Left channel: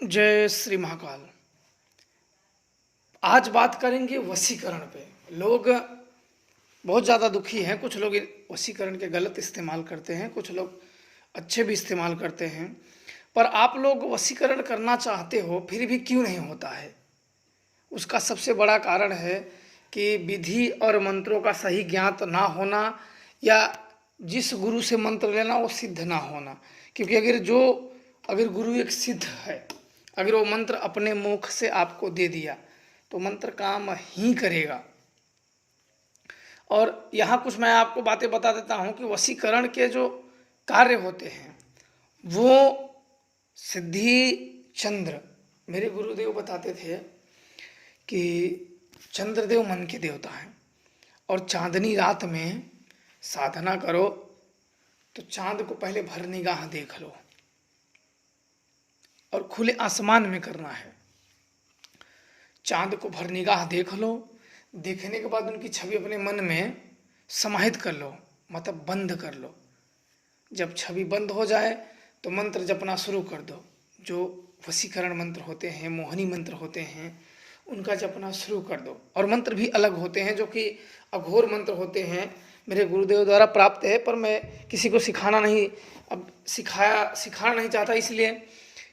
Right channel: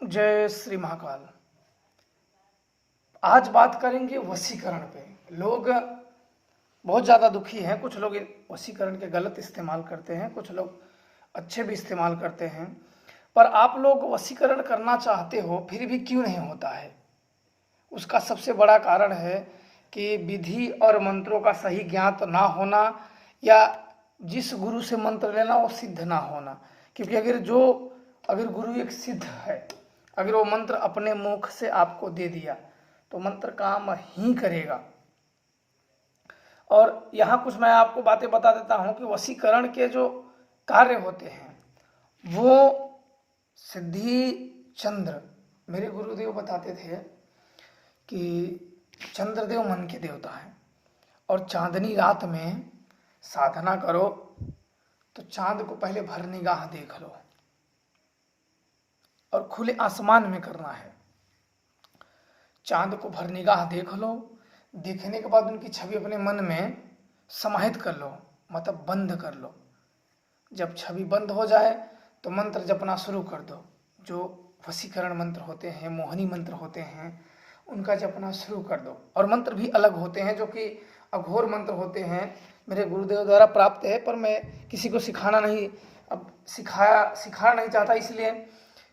जय श्री महाकाल। आज बात करेंगे वशीकरण पे। लोग बहुत ज़्यादा दुखी हैं। कुछ लोग वशीकरण के गलत इस्तेमाल करते हैं, कुछ लोग अच्छे भी इस्तेमाल करते हैं। पर आप लोग वशीकरण करना चाहते हो फिर भी क्यों नहीं होता है? उसका सबसे बड़ा कारण है कि विधि और मंत्रों का सही ज्ञात ना होना, या जिस गुरु से मंत्र लेना वो सिद्ध ना होना। क्योंकि अगर गुरु एक सिद्ध है, अगर वो मंत्र अपने मुख से आपको दे दिया तो मंत्र काम ही करेगा। और यहाँ कुछ मैं आपको बातें बता देता हूँ कि वशीकरण के जो कार्य होते हैं वो सिद्धि चंद्र, मेरे गुरुदेव बताते थे कि चंद्रदेव मन के देवता हैं, और चांदनी रात में साधना करो तो चांद को पहले भर निगाह देख लो, और खुले आसमान में करना है। चांद को भर निगाह देख लो, देखने के बाद उनकी छवि अपने मन में समाहित कर लो, मतलब बंद कर लो। जब छवि बंद हो जाए तो मंत्र जपना शुरू कर दो। जो वशीकरण मंत्र होते हैं, मोहनी मंत्र होते हैं, उनका जपना शुरू कर दो। और मंत्र भी अलग होते हैं जो कि अघोर मंत्र होते हैं, मेरे गुरुदेव द्वारा प्राप्त है, पर मैं किसी को सिखाना नहीं चाहता, इसलिए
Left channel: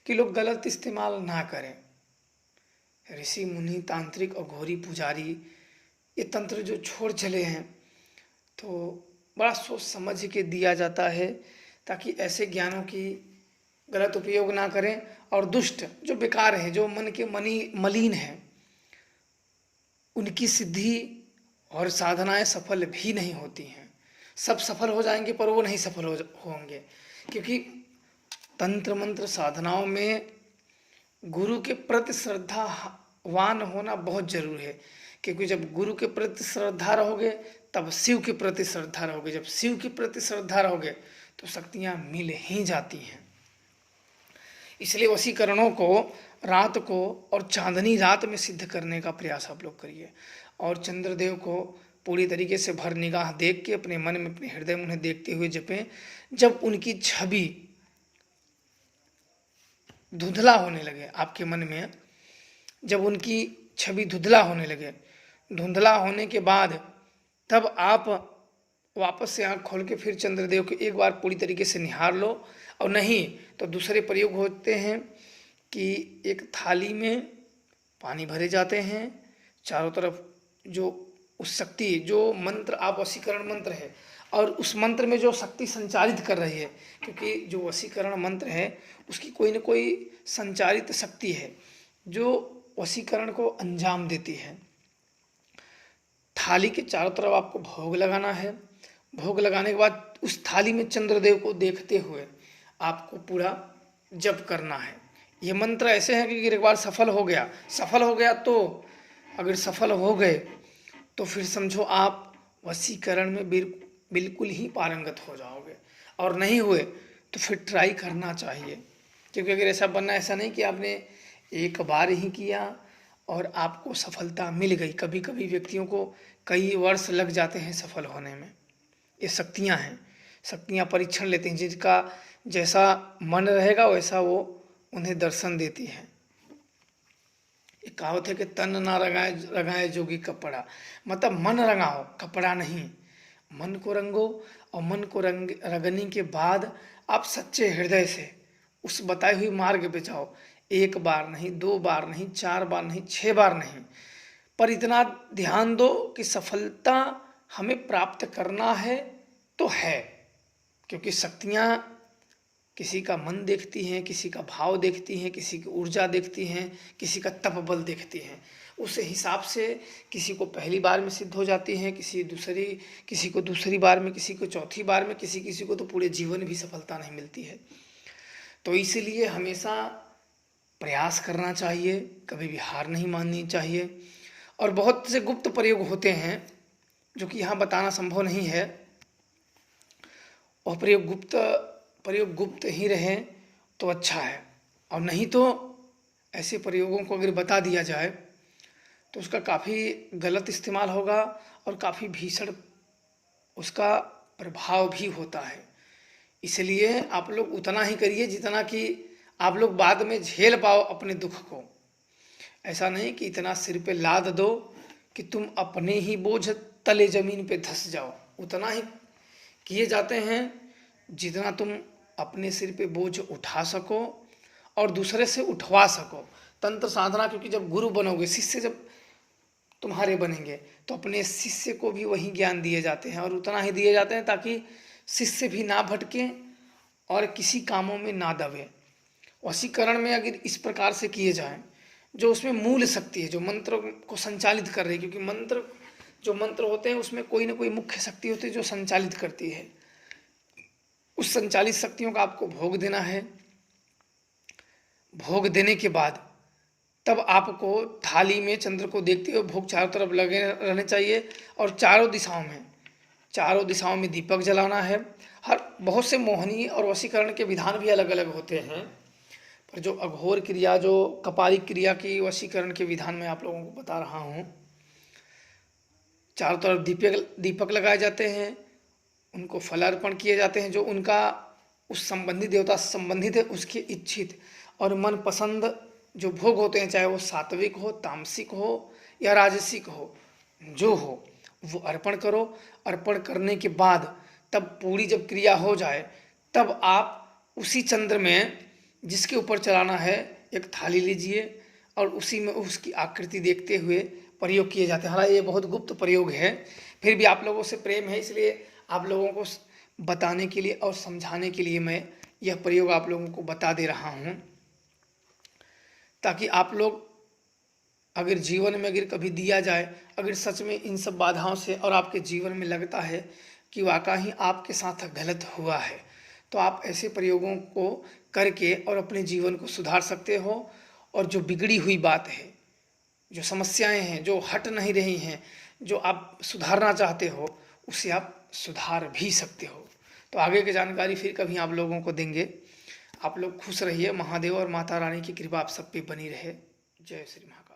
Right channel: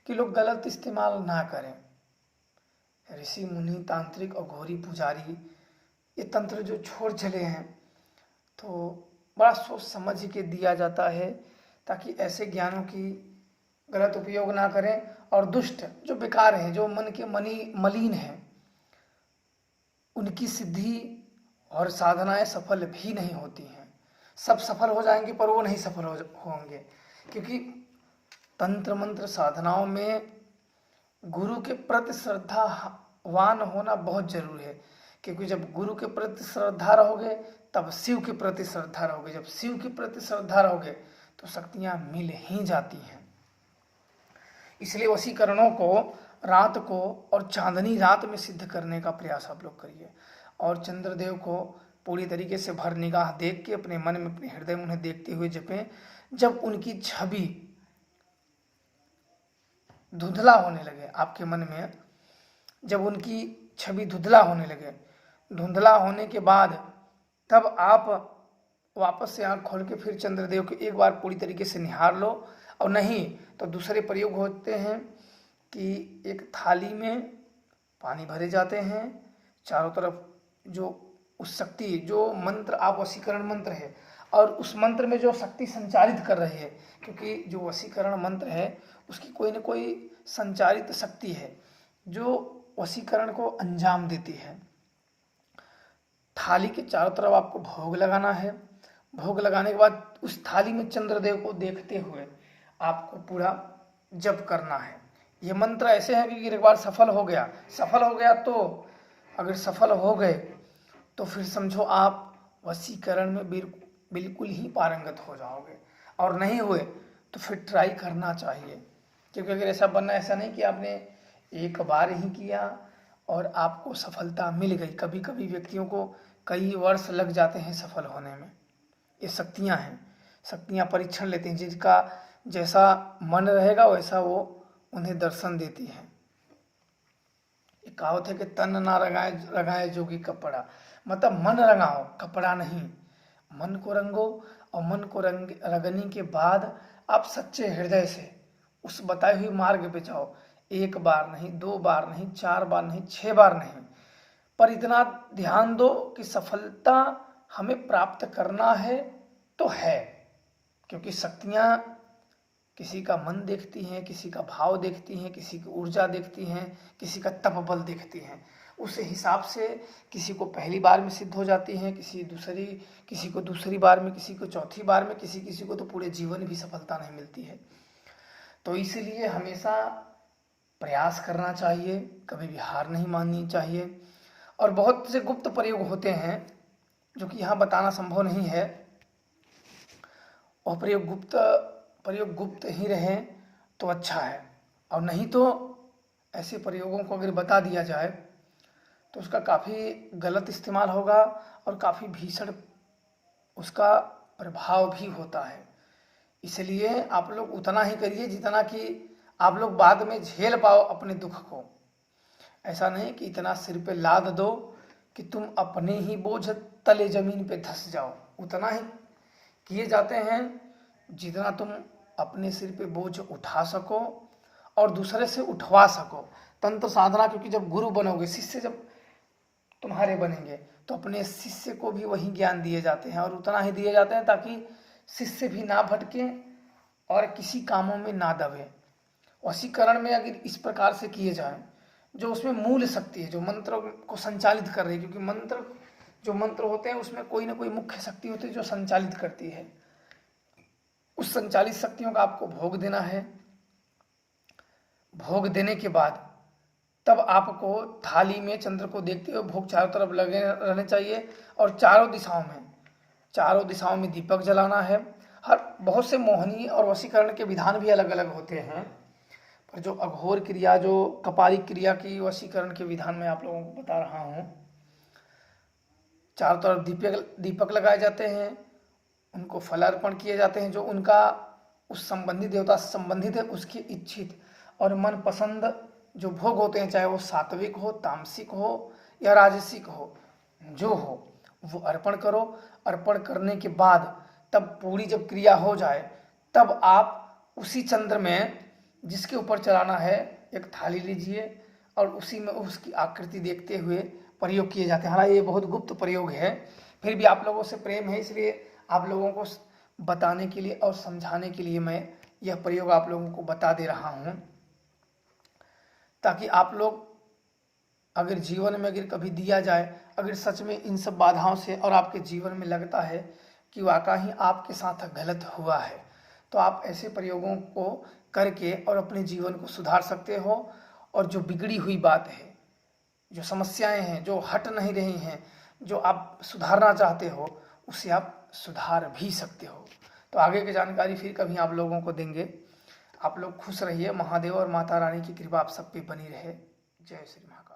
कि लोग गलत इस्तेमाल ना करें। ऋषि मुनि तांत्रिक और घोरी पुजारी ये तंत्र जो छोड़ चले हैं, तो बड़ा सोच समझ के दिया जाता है ताकि ऐसे ज्ञानों की गलत उपयोग ना करें। और दुष्ट जो बेकार हैं, जो मन के मलिन हैं, उनकी सिद्धि और साधनाएं सफल भी नहीं होती हैं। सब सफल हो जाएंगे पर वो नहीं सफल होंगे, क्योंकि तंत्र मंत्र साधनाओं में गुरु के प्रति श्रद्धावान होना बहुत जरूरी है। क्योंकि जब गुरु के प्रति श्रद्धा रहोगे तब शिव के प्रति श्रद्धा रहोगे, जब शिव के प्रति श्रद्धा रहोगे तो शक्तियां मिल ही जाती हैं। इसलिए वशीकरणों को रात को और चांदनी रात में सिद्ध करने का प्रयास आप लोग करिए। और चंद्रदेव को पूरी तरीके से भर निगाह देख के अपने मन में, अपने हृदय में उन्हें देखते हुए जपें। जब उनकी छवि धुंधला होने लगे आपके मन में, जब उनकी छवि धुंधला होने लगे, धुंधला होने के बाद तब आप वापस से आँख खोल के फिर चंद्रदेव को एक बार पूरी तरीके से निहार लो। और नहीं तो दूसरे प्रयोग होते हैं कि एक थाली में पानी भरे जाते हैं, चारों तरफ जो उस शक्ति, जो मंत्र आप वशीकरण मंत्र है और उस मंत्र में जो शक्ति संचारित कर रही है, क्योंकि जो वशीकरण मंत्र है उसकी कोई न कोई संचारित शक्ति है जो वशीकरण को अंजाम देती है। थाली के चारों तरफ आपको भोग लगाना है। भोग लगाने के बाद उस थाली में चंद्रदेव को देखते हुए आपको पूरा जप करना है। ये मंत्र ऐसे हैं कि एक बार सफल हो गया तो अगर सफल हो गए तो फिर समझो आप वशीकरण में बिल्कुल ही पारंगत हो जाओगे। और नहीं हुए तो फिर ट्राई करना चाहिए, क्योंकि अगर ऐसा नहीं कि आपने एक बार ही किया और आपको सफलता मिल गई। कभी कभी व्यक्तियों को कई वर्ष लग जाते हैं सफल होने में। ये शक्तियाँ हैं, शक्तियाँ परीक्षण लेती हैं, जिसका जैसा मन रहेगा वैसा वो उन्हें दर्शन देती हैं। एक कहावत है कि तन ना रंगाए जोगी कपड़ा, मतलब मन रंगाओ, कपड़ा नहीं। मन को रंगो, और मन को रंगने के बाद आप सच्चे हृदय से उस बताए हुए मार्ग पे जाओ। एक बार नहीं, दो बार नहीं, चार बार नहीं, 6 बार नहीं, पर इतना ध्यान दो कि सफलता हमें प्राप्त करना है तो है। क्योंकि शक्तियाँ किसी का मन देखती हैं, किसी का भाव देखती हैं, किसी की ऊर्जा देखती हैं, किसी का तप बल देखती हैं। उस हिसाब से किसी को पहली बार में सिद्ध हो जाती हैं, किसी को दूसरी बार में, किसी को चौथी बार में, किसी को तो पूरे जीवन भी सफलता नहीं मिलती है। तो इसीलिए हमेशा प्रयास करना चाहिए, कभी भी हार नहीं माननी चाहिए। और बहुत से गुप्त प्रयोग होते हैं जो कि यहाँ बताना संभव नहीं है, और प्रयोग गुप्त ही रहे तो अच्छा है। और नहीं तो ऐसे प्रयोगों को अगर बता दिया जाए तो उसका काफ़ी गलत इस्तेमाल होगा और काफ़ी भीषण उसका प्रभाव भी होता है। इसलिए आप लोग उतना ही करिए जितना कि आप लोग बाद में झेल पाओ अपने दुख को। ऐसा नहीं कि इतना सिर पे लाद दो कि तुम अपने ही बोझ तले जमीन पे धंस जाओ। उतना ही किए जाते हैं जितना तुम अपने सिर पे बोझ उठा सको और दूसरे से उठवा सको। तंत्र साधना, क्योंकि जब गुरु बनोगे, शिष्य जब तुम्हारे बनेंगे, तो अपने शिष्य को भी वही ज्ञान दिए जाते हैं और उतना ही दिए जाते हैं ताकि शिष्य भी ना भटके और किसी कामों में ना दबे। वशीकरण में अगर इस प्रकार से किए जाएं, जो उसमें मूल शक्ति है, जो मंत्र को संचालित कर रही है, क्योंकि मंत्र जो मंत्र होते हैं उसमें कोई ना कोई मुख्य शक्ति होती है जो संचालित करती है। उस संचालित शक्तियों का आपको भोग देना है। भोग देने के बाद तब आपको थाली में चंद्र को देखते हुए भोग चारों तरफ लगे रहने चाहिए और चारों दिशाओं में दीपक जलाना है। हर बहुत से मोहनी और वशीकरण के विधान भी अलग अलग होते हैं, पर जो अघोर क्रिया, जो कपालिक क्रिया की वशीकरण के विधान मैं आप लोगों को बता रहा हूँ। चारों तरफ दीपक लगाए जाते हैं, उनको फल अर्पण किए जाते हैं जो उनका उस संबंधित देवता से संबंधित है, उसके इच्छित और मन पसंद जो भोग होते हैं, चाहे वो सात्विक हो, तामसिक हो या राजसिक हो, जो हो वो अर्पण करो। अर्पण करने के बाद तब पूरी जब क्रिया हो जाए, तब आप उसी चंद्र में जिसके ऊपर चलाना है एक थाली लीजिए और उसी में उसकी आकृति देखते हुए प्रयोग किए जाते हैं। हालांकि ये बहुत गुप्त प्रयोग है, फिर भी आप लोगों से प्रेम है इसलिए आप लोगों को बताने के लिए और समझाने के लिए मैं यह प्रयोग आप लोगों को बता दे रहा हूँ, ताकि आप लोग अगर जीवन में अगर कभी दिया जाए, अगर सच में इन सब बाधाओं से और आपके जीवन में लगता है कि वाकई ही आपके साथ गलत हुआ है, तो आप ऐसे प्रयोगों को करके और अपने जीवन को सुधार सकते हो। और जो बिगड़ी हुई बात है, जो समस्याएं हैं, जो हट नहीं रही हैं, जो आप सुधारना चाहते हो, उसे आप सुधार भी सकते हो। तो आगे की जानकारी फिर कभी आप लोगों को देंगे। आप लोग खुश रहिए। महादेव और माता रानी की कृपा आप सब पे बनी रहे। जय श्री महाकाल।